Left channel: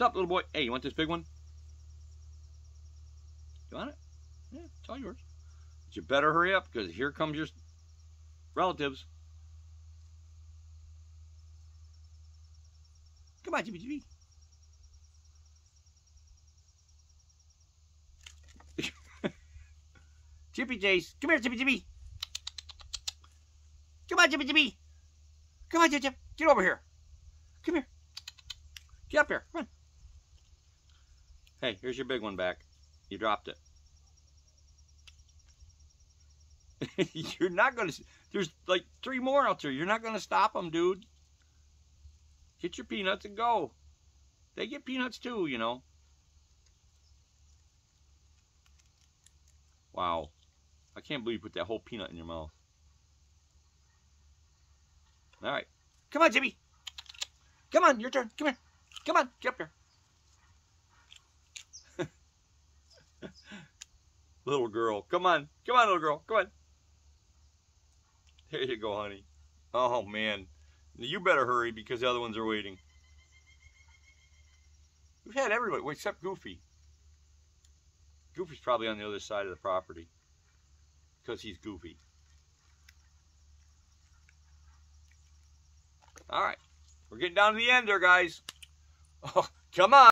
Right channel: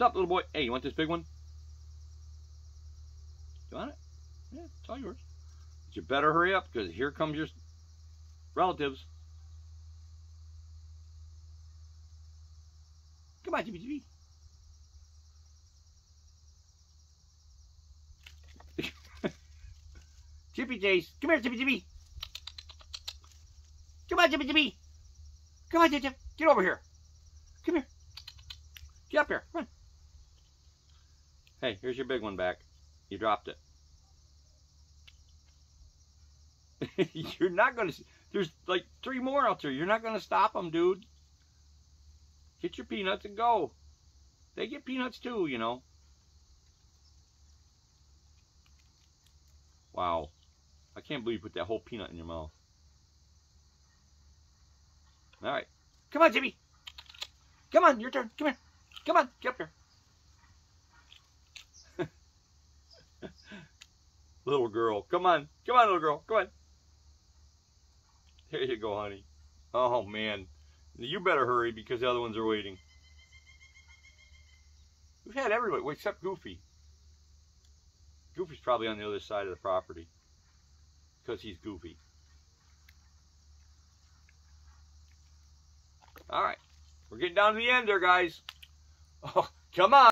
Stop, little boy. Hey, you want this big one? You want it? Yeah, it's all yours. But you better hurry up, because here comes your relatives. Come on, Chippy. Chippy Chase. Come here, Chippy. Come on, Chippy. Come on, Chip. Get over here. Come here. Get up here. Come on. Hey, here's your big one back. You dropped it. You're not going to... There's like 3 more out there. You're not going to stop them, dude. Get your peanuts and go. They get peanuts too, you know. Wow. I can't believe you put that whole peanut in your mouth. All right. Come on, Jimmy. Come on, your turn. Come here. Come on, get up there. Little girl. Come on. Come on, little girl. Come on. There you go, honey. Oh, man. You better hurry because the other ones are waiting. We've had everybody except Goofy. Goofy's probably on the other side of the property because he's Goofy. All right. We're getting down to the end there, guys. Oh, come on.